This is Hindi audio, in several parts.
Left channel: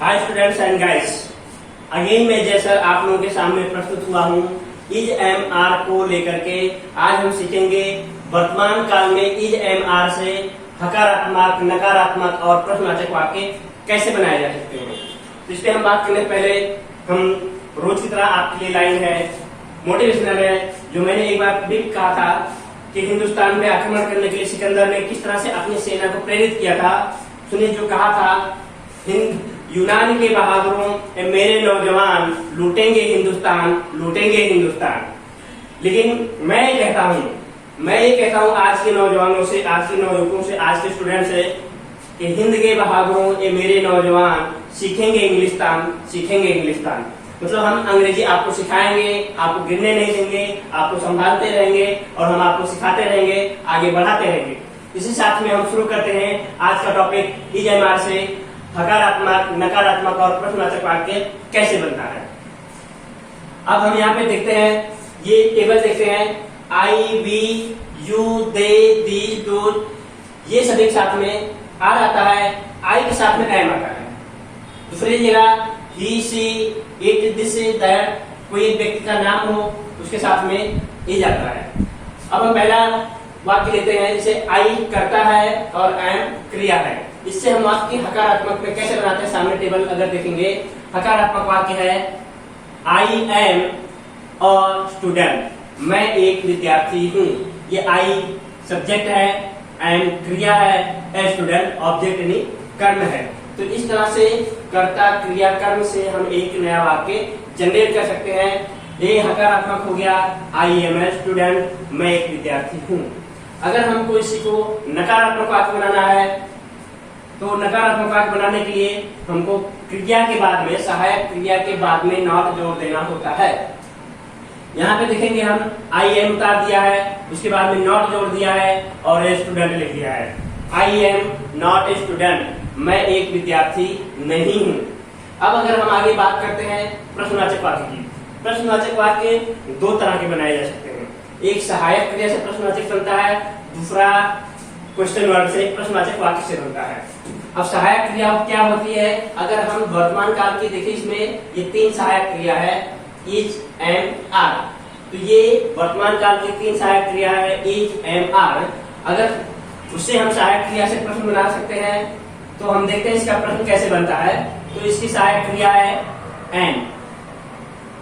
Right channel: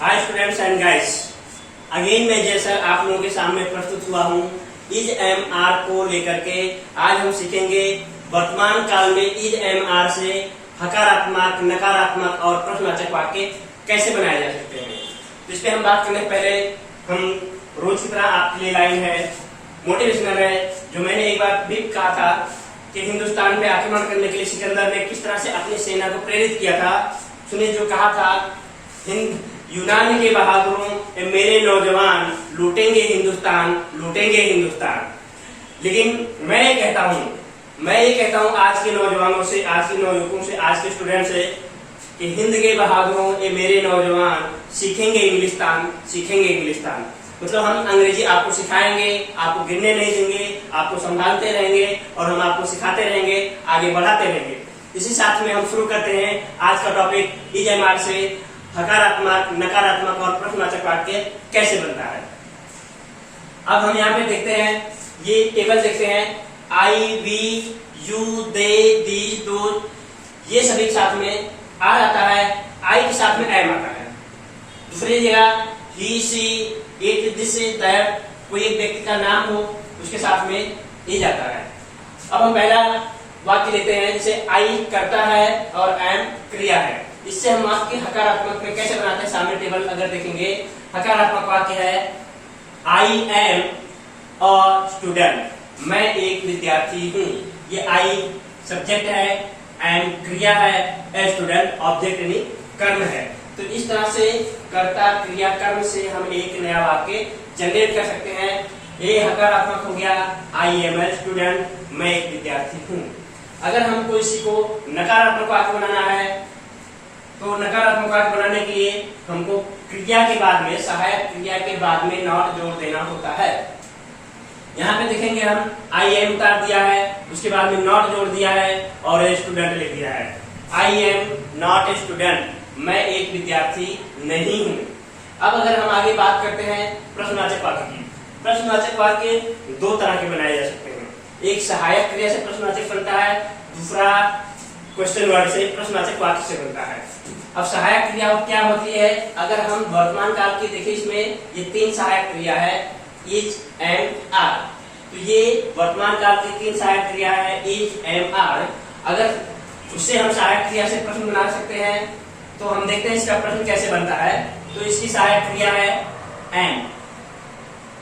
Hi students and guys, again मैं जय सर आप लोगों के सामने प्रस्तुत हुआ हूँ इज एम आर को लेकर के। आज हम सीखेंगे वर्तमान काल में इज एम आर से हकारात्मक, नकारात्मक और प्रश्नवाचक वाक्य कैसे बनाए जा सकते हैं। तो इस पे हम बात करने पहले हम रोज की तरह आपके लिए लाइन है, मोटिवेशनल है, जो मैंने एक बार भी कहा था कि हिंदुस्तान पे आक्रमण करने के लिए सिकंदर ने किस तरह से अपनी सेना को प्रेरित किया था। सुनिए जो कहा था, यूनान के बहादुरों मेरे नौजवान लूटेंगे हिंदुस्तान, लूटेंगे हिंदुस्तान। लेकिन मैं ये कहता हूँ आज के नौजवानों से, आज के नौयुवकों से, आज के स्टूडेंट से कि हिंद के बहादुरों ये मेरे नौजवान सीखेंगे इंग्लिस्तान, सीखेंगे इंग्लिस्तान। मतलब हम अंग्रेजी आपको सिखाएंगे, आपको गिरने नहीं देंगे, आपको संभालते रहेंगे और हम आपको सिखाते रहेंगे, आगे बढ़ाते रहेंगे। इसी साथ में हम शुरू करते हैं आज का टॉपिक इज एम आर से हकारात्मक, नकारात्मक और प्रश्नवाचक वाक्य कैसे बनता है। अब हम यहाँ पे देखते हैं, ये टेबल देखते हैं, आई, वी, यू, दे, दी, दो, ये सभी के साथ में आर आता है, आई के साथ में एम आता है। दूसरी जगह ही, सी, इट, दिस, दैट, कोई एक व्यक्ति का नाम हो उसके साथ में इज आता है। अब हम पहला वाक्य लेते हैं, जैसे आई करता है और एम क्रिया है। इससे हम वाक्य हकारात्मक में कैसे बनाते हैं, सामने टेबल अगर देखेंगे, हकारात्मक वाक्य है आई एम अ स्टूडेंट, मैं एक विद्यार्थी हूँ। ये आई सब्जेक्ट है, एम क्रिया है, ए स्टूडेंट ऑब्जेक्ट यानी कर्म है। तो इस तरह से कर्ता क्रिया कर्म से हम एक नया वाक्य जनरेट कर सकते हैं। ये हकारात्मक हो गया, आई एम ए स्टूडेंट, मैं एक विद्यार्थी हूँ। अगर हम किसी को नकारात्मक वाक्य बनाना है तो नकारात्मक वाक्य बनाने के लिए हमको क्रिया के बाद में, सहायक क्रिया के बाद में नॉट जोड़ देना होता है। यहाँ पे देखेंगे हम आई एम उतार दिया है, उसके बाद में नॉट जोड़ दिया है और ए स्टूडेंट लिख दिया है। I am not a student, मैं एक विद्यार्थी नहीं हूँ। अब अगर हम आगे बात करते हैं प्रश्नवाचक वाक्य की, प्रश्नवाचक वाक्य दो तरह के बनाए जा सकते हैं। एक सहायक क्रिया से प्रश्नवाचक बनता है, दूसरा क्वेश्चन वर्ड से प्रश्नवाचक वाक्य से बनता है। अब सहायक क्रिया क्या होती है, अगर हम वर्तमान काल की देखें, इसमें ये तीन सहायक क्रिया है, इज, एम, आर। तो ये वर्तमान काल की तीन सहायक क्रिया है, इज, एम, आर। अगर उससे हम सहायक क्रिया से प्रश्न बना सकते हैं तो हम देखते हैं इसका प्रश्न कैसे बनता है। तो इसकी सहायक क्रिया है एम।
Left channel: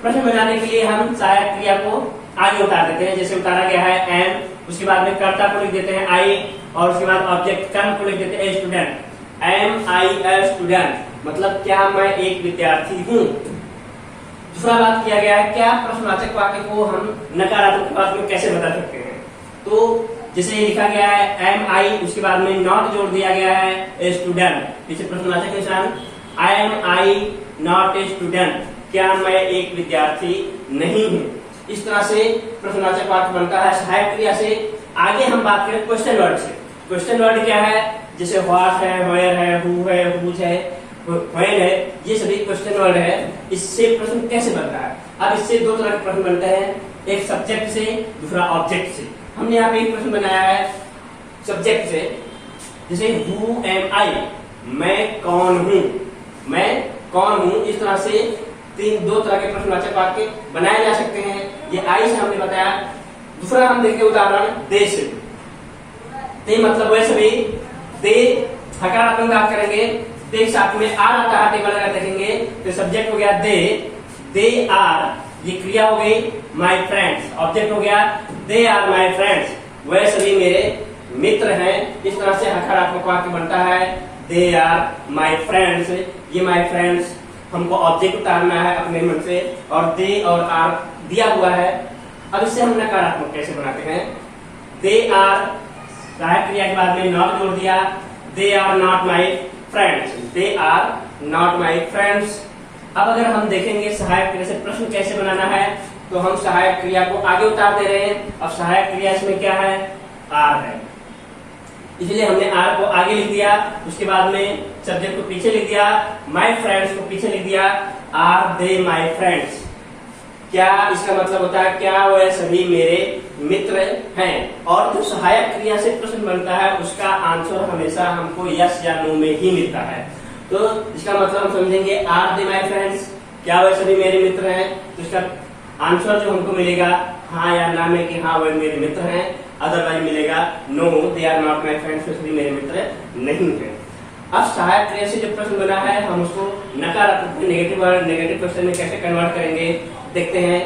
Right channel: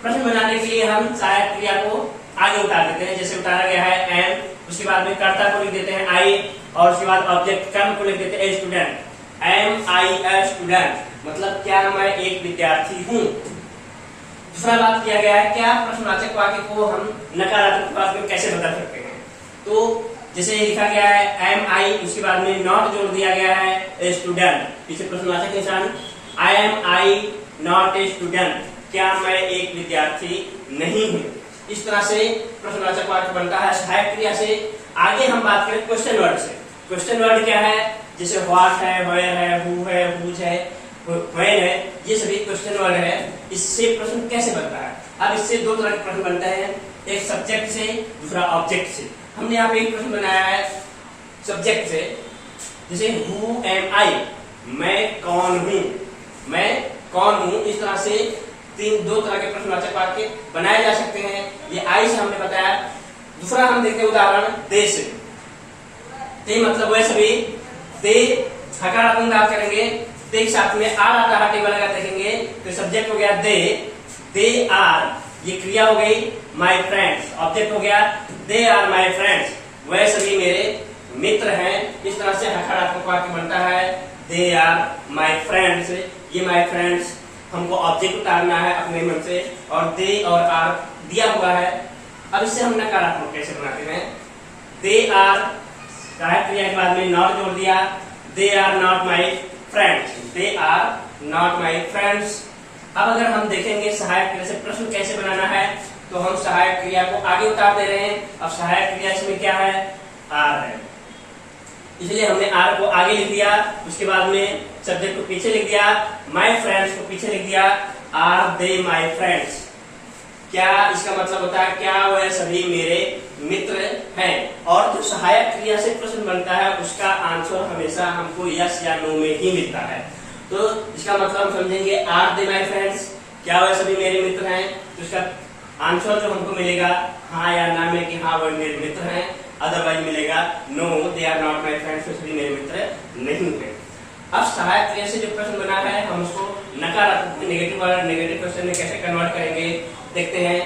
प्रश्न बनाने के लिए हम सहायक क्रिया को आगे उतार देते हैं, जैसे उतारा गया है एम, उसके बाद में कर्ता को लिख देते हैं आई और उसके बाद ऑब्जेक्ट कर्म को लिख देते हैं a student. Am I a student मतलब क्या मैं एक विद्यार्थी हूँ। दूसरा बात किया गया है, क्या प्रश्नवाचक वाक्य को हम नकारात्मक वाक्य में कैसे बदल सकते हैं। तो जैसे लिखा गया है एम आई, उसके बाद में नॉट जोड़ दिया गया है ए स्टूडेंट, पीछे प्रश्नवाचक निशान, I am I not a student, क्या मैं एक विद्यार्थी नहीं हूँ। इस तरह से प्रश्नवाचक वाक्य बनता है सहायक क्रिया से। आगे हम बात करें क्वेश्चन वर्ड से। क्वेश्चन वर्ड क्या है, जैसे व्हाट है, वेयर है, हु है, हुज है, व्हेन है, ये सभी क्वेश्चन वर्ड है। इससे प्रश्न कैसे बनता है। अब इससे दो तरह के प्रश्न बनते हैं, एक सब्जेक्ट से, दूसरा ऑब्जेक्ट से। हमने यहाँ पे एक प्रश्न बनाया है सब्जेक्ट से, जैसे हु एम आई, मैं कौन हूँ, मैं कौन हूँ। इस तरह से दो तरह के प्रश्नवाचक वाक्य बनाए जा सकते हैं। ये आई से हमने बताया। दूसरा हम देखते हैं उदाहरण दे से। दे मतलब वैसे भी दे हकारात्मक बात करेंगे, दे के साथ में आर आता है, टेबल अगर देखेंगे तो सब्जेक्ट हो गया दे, दे आर, ये क्रिया हो गई माय फ्रेंड्स, ऑब्जेक्ट हो गया दे आर माय फ्रेंड्स, वह सभी मेरे मित्र हैं। इस तरह से हकारात्मक वाक्य बनता है दे आर माय फ्रेंड्स। ये माय फ्रेंड्स हमको ऑब्जेक्ट उतारना है अपने मन से और दे और आर दिया हुआ है। अब इससे हम नकारात्मक कैसे बनाते हैं, दे आर सहायक क्रिया के बाद में नॉट जोड़ दिया, they are not my friends, they are not my friends. अब अगर हम देखेंगे सहायक क्रिया से प्रश्न कैसे बनाना है, तो हम सहायक क्रिया को आगे उतार दे रहे हैं। अब सहायक क्रिया इसमें क्या है, आर है, इसलिए हमने आर को आगे लिख दिया, उसके बाद में सब्जेक्ट को पीछे लिख दिया, माय फ्रेंड्स को पीछे लिख दिया, आर दे माय फ्रेंड्स। क्या इसका मतलब होता है, क्या वह सभी मेरे मित्र हैं। और जो सहायक क्रिया से प्रश्न बनता है उसका आंसर हमेशा हमको यस या नो में ही मिलता है। तो इसका मतलब हम समझेंगे आर दे माय फ्रेंड्स, क्या वह सभी मेरे मित्र हैं। तो इसका आंसर जो हमको मिलेगा हाँ या ना में कि हाँ वह मेरे मित्र हैं, अदरवाइज मिलेगा no they are not my friends, सभी मेरे मित्र नहीं है। अब सहायक क्रिया से जो प्रश्न बना है हम उसको नकारात्मक नेगेटिव क्वेश्चन में कैसे कन्वर्ट करेंगे देखते हैं।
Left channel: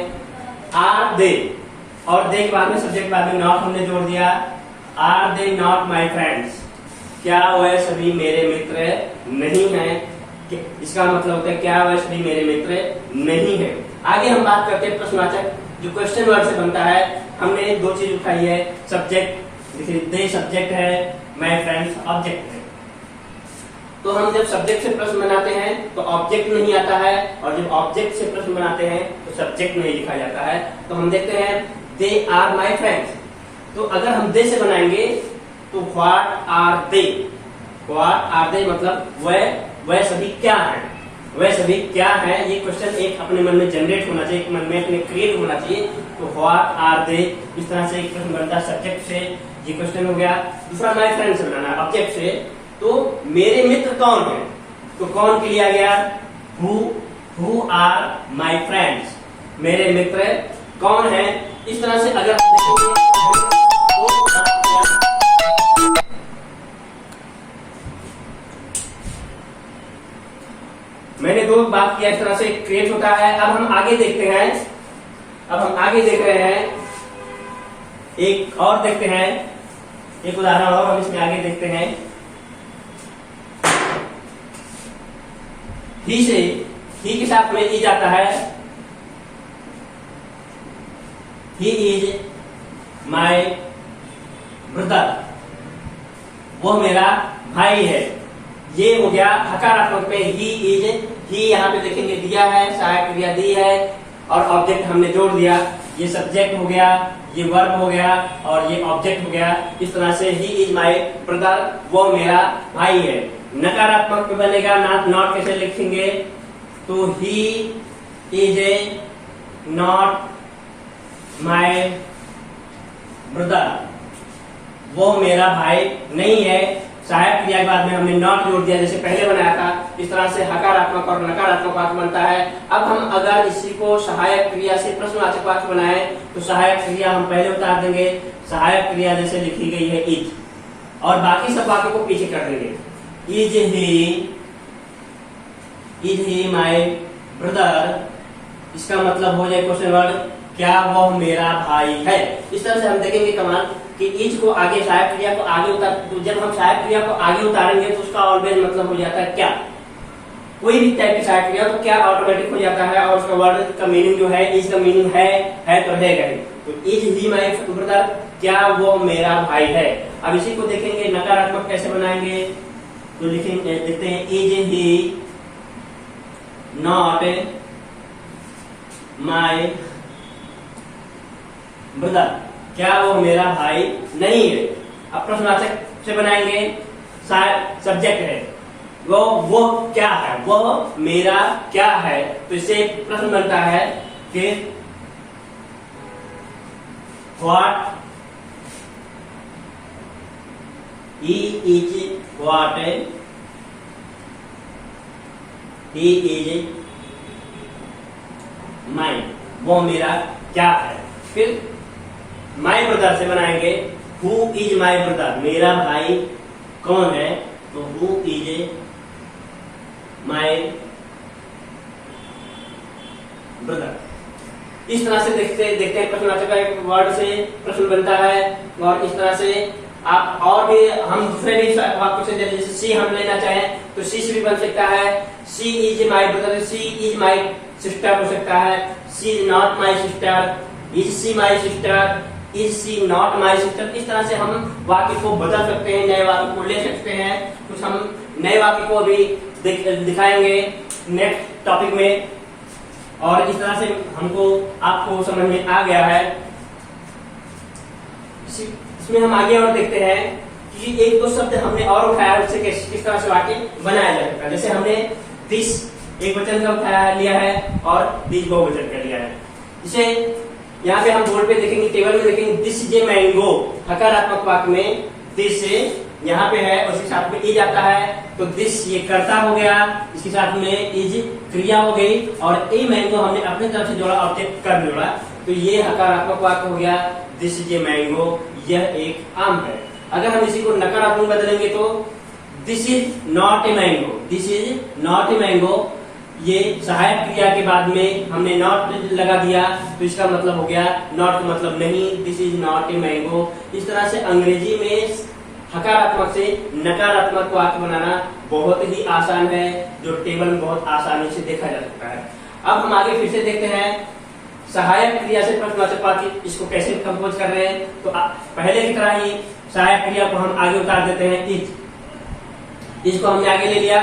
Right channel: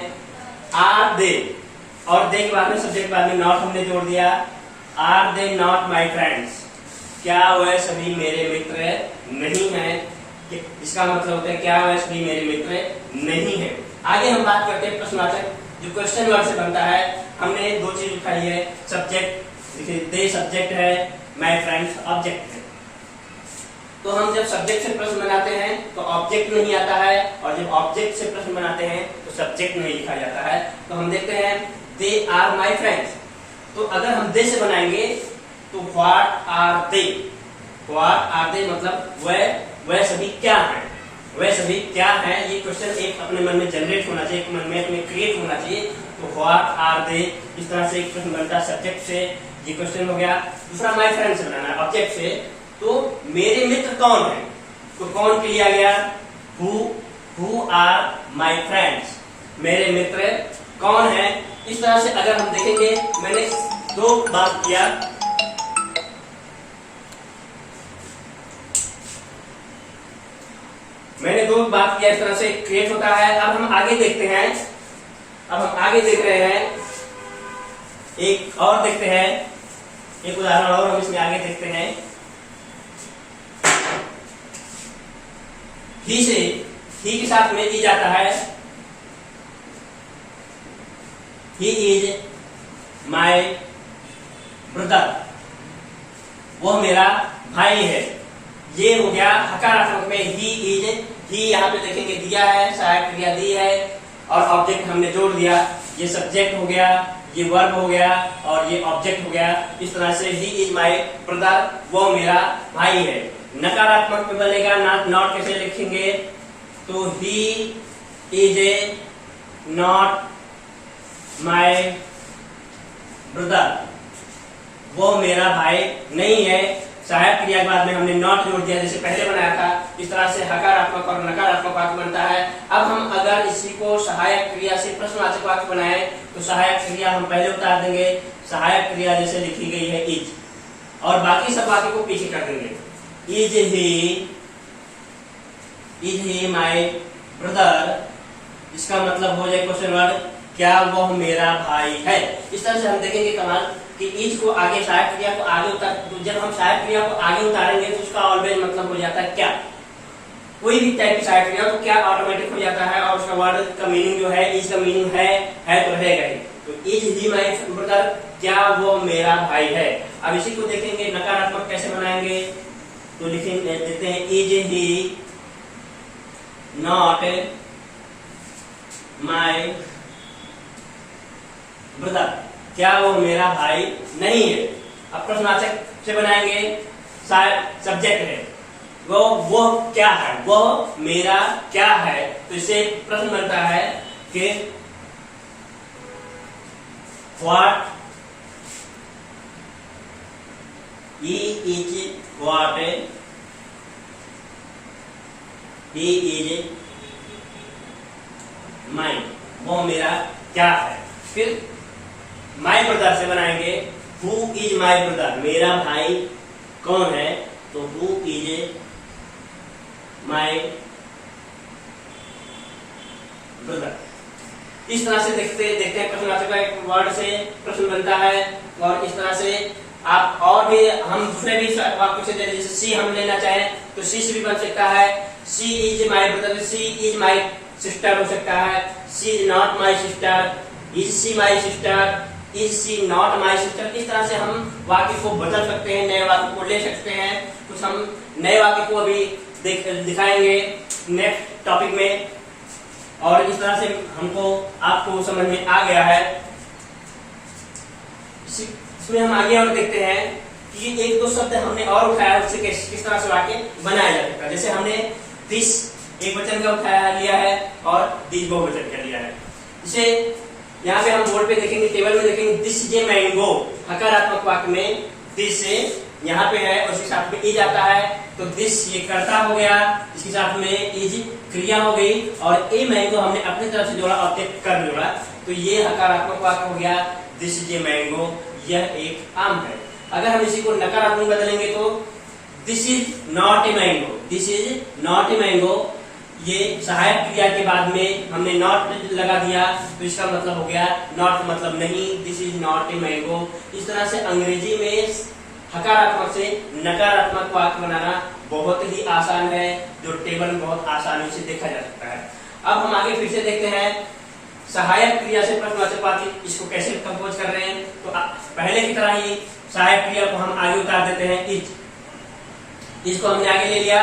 आर दे और दे के बाद में सब्जेक्ट बाद में नॉट हमने जोड़ दिया। Are they not my friends, क्या वह सभी मेरे मित्र नहीं हैं। इसका मतलब होता है क्या वह सभी मेरे मित्र नहीं है। आगे हम बात करते हैं प्रश्नवाचक जो क्वेश्चन वर्ड से बनता है। हमने दो चीज उठाई है, सब्जेक्ट देखिए दे सब्जेक्ट है, माय फ्रेंड्स ऑब्जेक्ट है। तो हम जब सब्जेक्ट से प्रश्न बनाते हैं तो ऑब्जेक्ट नहीं आता है, और जब ऑब्जेक्ट से प्रश्न बनाते हैं तो सब्जेक्ट नहीं लिखा जाता है। तो हम देखते हैं दे आर माय फ्रेंड्स, तो अगर हम दे से बनाएंगे तो what are they, what are they मतलब वह सभी क्या हैं, वह सभी क्या है। ये क्वेश्चन एक अपने मन में जनरेट होना चाहिए, एक मन में अपने क्रिएट होना चाहिए। तो व्हाट आर दे, इस तरह से एक प्रश्न बनता है सब्जेक्ट से, ये क्वेश्चन हो गया। दूसरा माय फ्रेंड से बनाना ऑब्जेक्ट से, तो मेरे मित्र कौन है, तो कौन के लिया गया हु आर माय फ्रेंड्स, मेरे मित्र कौन है। इस तरह से अगर हम देखेंगे मैंने दो बात किया, मैंने दो बात किया, इस तरह से क्रिएट होता है। अब हम आगे देखते हैं, अब हम आगे देख रहे हैं, एक और देखते हैं, एक उदाहरण और हम इसमें आगे देखते हैं। ही से ही के साथ में इज आता है, ही इज माय ब्रदर, वो मेरा भाई है। ये हो गया हकारात्मक में ही इज, ही यहाँ पे देखेंगे दिया है, सहायक क्रिया दी है और ऑब्जेक्ट हमने जोड़ दिया। ये सब्जेक्ट हो गया, ये वर्ब हो गया और ये ऑब्जेक्ट हो गया। इस तरह से ही इज माय ब्रदर, वो मेरा भाई है। नकारात्मक में बनेगा नॉट कैसे लिखेंगे, तो he is a not my brother, वो मेरा भाई नहीं है। सहायक क्रिया के बाद में हमने नॉट जोड़ दिया जैसे पहले बनाया था। इस तरह से हकारात्मक और नकारात्मक वाक्य बनता है। अब हम अगर इसी को सहायक क्रिया से प्रश्नवाचक वाक्य बनाए तो सहायक क्रिया हम पहले उतार देंगे। सहायक क्रिया जैसे लिखी गई है इज, और बाकी सब वाक्य को पीछे कर देंगे। इज ही माय ब्रदर, इसका मतलब हो जाए क्वेश्चन वर्ड क्या वह मेरा भाई है। इस तरह से हम देखेंगे कमाल कि इज को आगे सहायक क्रिया को आगे उतार, तो जब हम सहायक क्रिया को आगे उतारेंगे तो उसका ऑलवेज मतलब हो जाता है क्या। कोई भी टाइप की सहायक क्रिया तो क्या ऑटोमेटिक हो जाता है, और उसका वर्ड का मीनिंग जो है इज का मीनिंग है तो रहेगा ही। तो इज ही माय ब्रदर, क्या वो मेरा भाई है। अब इसी को देखेंगे नकारात्मक कैसे बनाएंगे, तो लिखेंगे देखते हैं is he not my brother, क्या वो मेरा भाई नहीं है। अब प्रश्नवाचक से बनाएंगे, सब्जेक्ट है, वो क्या है, वो मेरा क्या है। तो इससे प्रश्न बनता है कि व्हाट ही इज माइन, वो मेरा क्या है। फिर माय ब्रदर से बनाएंगे हु इज माय ब्रदर, मेरा भाई कौन है, तो हु इज माय ब्रदर। इस तरह से देखते हैं प्रश्नवाचक का एक वर्ड से प्रश्न बनता है। और इस तरह से आप और भी हम दूसरे भी वाक्यों से जैसे सी हम लेना चाहें तो सी से भी बन सकता है। She is my brother, she is my sister हो सकता है। She is not my sister, is she my sister, is she not my sister. इस तरह से हम वाक्य को बदल सकते हैं, नए वाक्य को ले सकते हैं। कुछ हम नए वाक्य को अभी दिखाएंगे नेक्स्ट टॉपिक में। और इस तरह से हमको आपको समझ में आ गया है। इसमें हम आगे और देखते हैं कि एक दो शब्द हमने और उठाया, उससे किस तरह से वाक्य बनाया जा सकता है। जैसे हमने दिस एक वचन का उठाया लिया है और दिस बहुवचन का लिया है। जिसे यहाँ पे हम बोर्ड पे देखेंगे, टेबल में देखेंगे दिस इज ए मैंगो, हकारात्मक वाक्य में दिस यहाँ पे है और उसके साथ में इज आता है, तो दिस ये कर्ता हो गया, इसके साथ में इज क्रिया हो गई, और ए मैंगो हमने अपनी तरफ से जोड़ा और कर जोड़ा, तो ये हकारात्मक वाक्य हो गया, दिस इज ए मैंगो, यह एक आम है। अगर हम इसी को नकारात्मक बदलेंगे तो this is not a mango, this is not a mango, ये सहायक क्रिया के बाद में हमने नॉट लगा दिया, तो इसका मतलब हो गया नॉट मतलब नहीं, this is not a mango. इस तरह से अंग्रेजी में हकारात्मक से नकारात्मक वाक्य बनाना बहुत ही आसान है, जो टेबल में बहुत आसानी से देखा जा सकता है। अब हम आगे फिर से देखते हैं सहायक क्रिया से प्रश्नवाचक वाक्य, इसको कैसे कंपोज कर रहे हैं। तो पहले की तरह ही सहायक क्रिया को हम आगे उतार देते हैं, इज को हमने आगे ले लिया,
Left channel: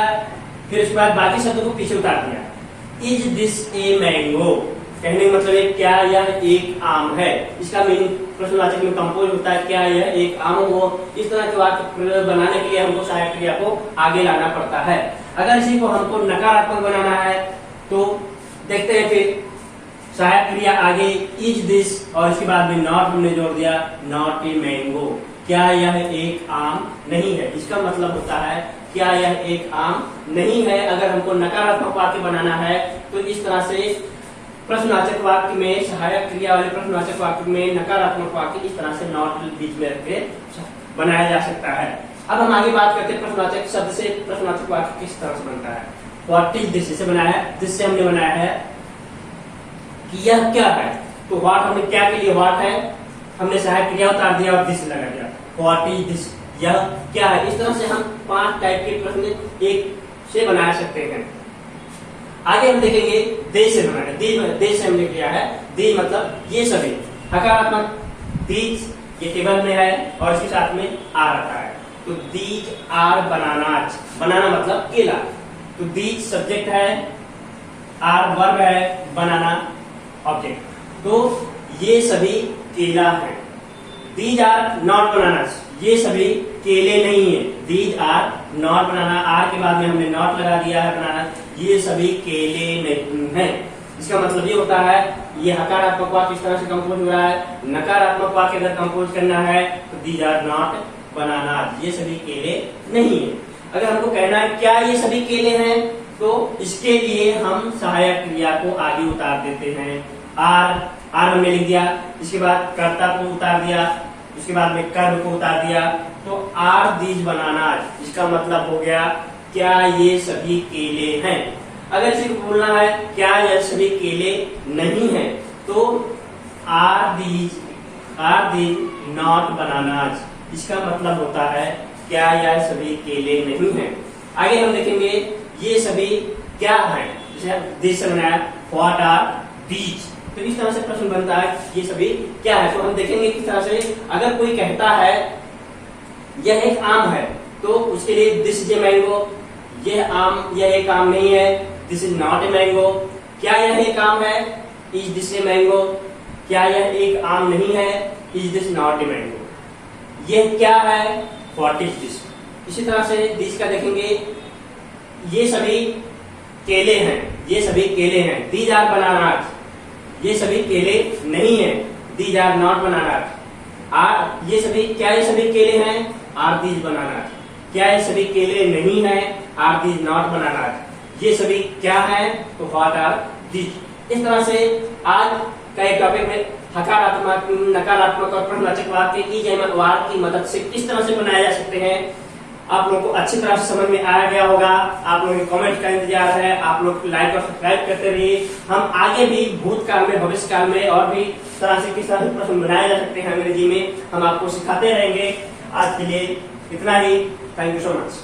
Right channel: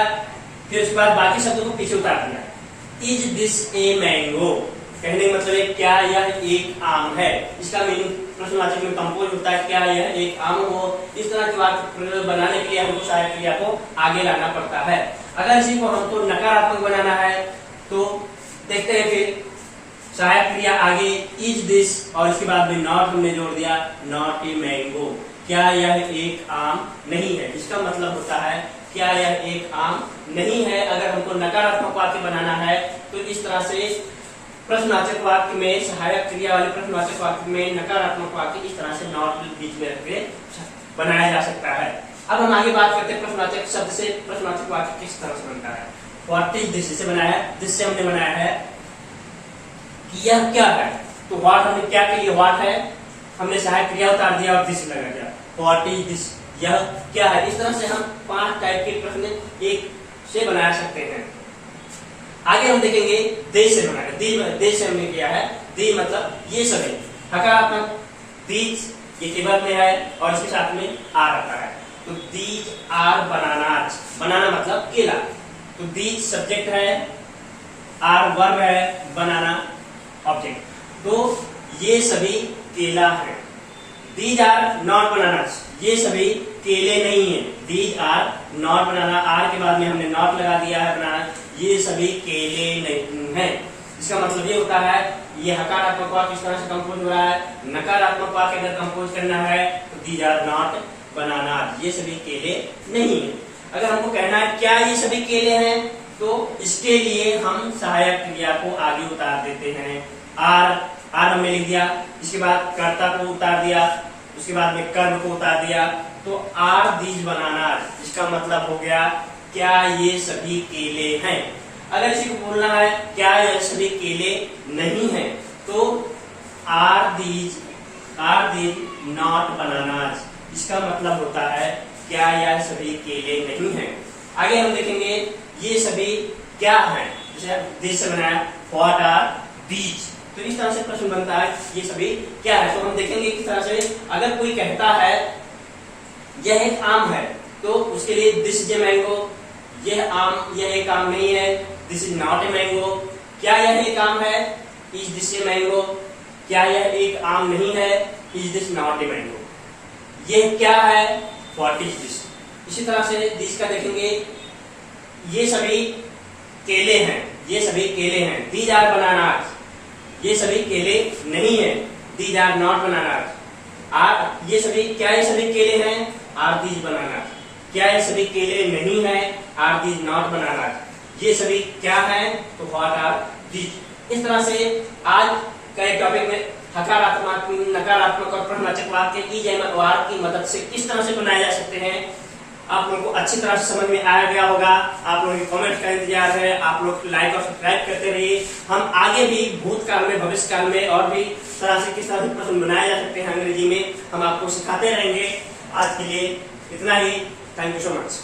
फिर उसके बाद बाकी शब्दों को पीछे उतार दिया। इज दिस ए मैंगो, कहने का मतलब है क्या यह एक आम है, इसका मीनिंग प्रश्नवाचक में कंपोज होता है क्या यह एक आम हो। इस तरह के वाक्य बनाने के लिए हमको सहायक क्रिया को आगे लाना पड़ता है। अगर इसी को हमको नकारात्मक बनाना है तो देखते हैं, फिर सहायक क्रिया आगे इज दिस और इसके बाद में नॉट हमने जोड़ दिया, नॉट ए मैंगो, क्या यह एक आम नहीं है, इसका मतलब होता है क्या यह एक आम नहीं है। अगर हमको नकारात्मक वाक्य बनाना है तो इस तरह से प्रश्नवाचक वाक्य में, सहायक क्रिया वाले प्रश्नवाचक वाक्य में नकारात्मक वाक्य इस तरह से नॉट बीच में रख के बनाया जा सकता है। अब हम आगे बात करते हैं प्रश्नवाचक शब्द से प्रश्नवाचक वाक्य किस तरह से बनता है। व्हाट इज दिस से बनाया है, दिस से हमने बनाया है कि यह क्या है, तो व्हाट हमने क्या के लिए व्हाट है, हमने सहायक क्रिया उतार दिया और दिस लगा दिया, व्हाट इज दिस, यह क्या है। इस तरह से हम 5 टाइप के प्रश्न एक से बना सकते हैं। आगे हम देखेंगे दे से बनाएंगे, दे से हमने किया है, दे मतलब ये सभी हकारात्मक, दीज ये टेबल में है और इसके साथ में आर आता है, तो दीज आर बनानाज, बनाना मतलब केला, तो दीज सब्जेक्ट है, आर वर्ब है, बनाना ऑब्जेक्ट, तो ये सभी केला है। दीज आर नॉट बनानाज, ये सभी केले नहीं है, these are not banana, are के बाद में हमने नॉट लगा दिया है बनाना, ये सभी केले नहीं है। इसका मतलब ये होता है ये हकारात्मक वाक्य इस तरह से कंपोज हो रहा है, नकारात्मक वाक्य अगर कंपोज करना है तो दीज आर नॉट बनानाज, ये सभी केले नहीं है। अगर हमको कहना है क्या ये सभी केले हैं, तो इसके लिए हम सहायक क्रिया को आगे उतार देते हैं, आर हमने लिख दिया, इसके बाद कर्ता को उतार दिया, उसके बाद में कर्म को उतार दिया, तो आर दीज बनानाज, इसका मतलब हो गया क्या ये सभी केले हैं। अगर इसी को बोलना है क्या यह सभी केले नहीं हैं, तो आर दीज नॉट बनानाज, इसका मतलब होता है क्या यह सभी केले नहीं हैं। आगे हम देखेंगे ये सभी क्या हैं, जैसे दिस से बनाया व्हाट आर बीज, तो इस तरह से प्रश्न बनता है ये सभी क्या है। तो हम देखेंगे किस तरह से अगर कोई कहता है यह एक आम है, तो उसके लिए दिस इज ए मैंगो, यह एक आम नहीं है, this is not a mango, क्या यह एक आम है, इज दिस ए मैंगो, क्या यह एक आम नहीं है, is this not a mango, यह क्या है, व्हाट इज दिस। इसी तरह से दिस का देखेंगे ये सभी केले हैं, ये सभी केले हैं, दीज आर बनानाज, ये सभी केले नहीं है, दीज आर नॉट बनानाज, ये सभी क्या ये सभी केले हैं, आर दीज बनानाज, क्या ये सभी केले नहीं है, आर दीज नॉट बनानाज, ये सभी क्या है, तो व्हाट आर दीज। इस तरह से आज का एक टॉपिक में हकारात्मक, नकारात्मक और प्रश्नवाचक वाक्य की मदद से किस तरह से बनाए जा सकते हैं, आप लोगों को अच्छी तरह से समझ में आया गया होगा। आप लोगों के कमेंट का इंतजार है, आप लोग लाइक और सब्सक्राइब करते रहिए। हम आगे भी भूतकाल में, भविष्य काल में और भी तरह से किस तरह से प्रश्न बनाए जा सकते हैं अंग्रेजी में, हम आपको सिखाते रहेंगे। आज के लिए इतना ही, थैंक यू सो मच।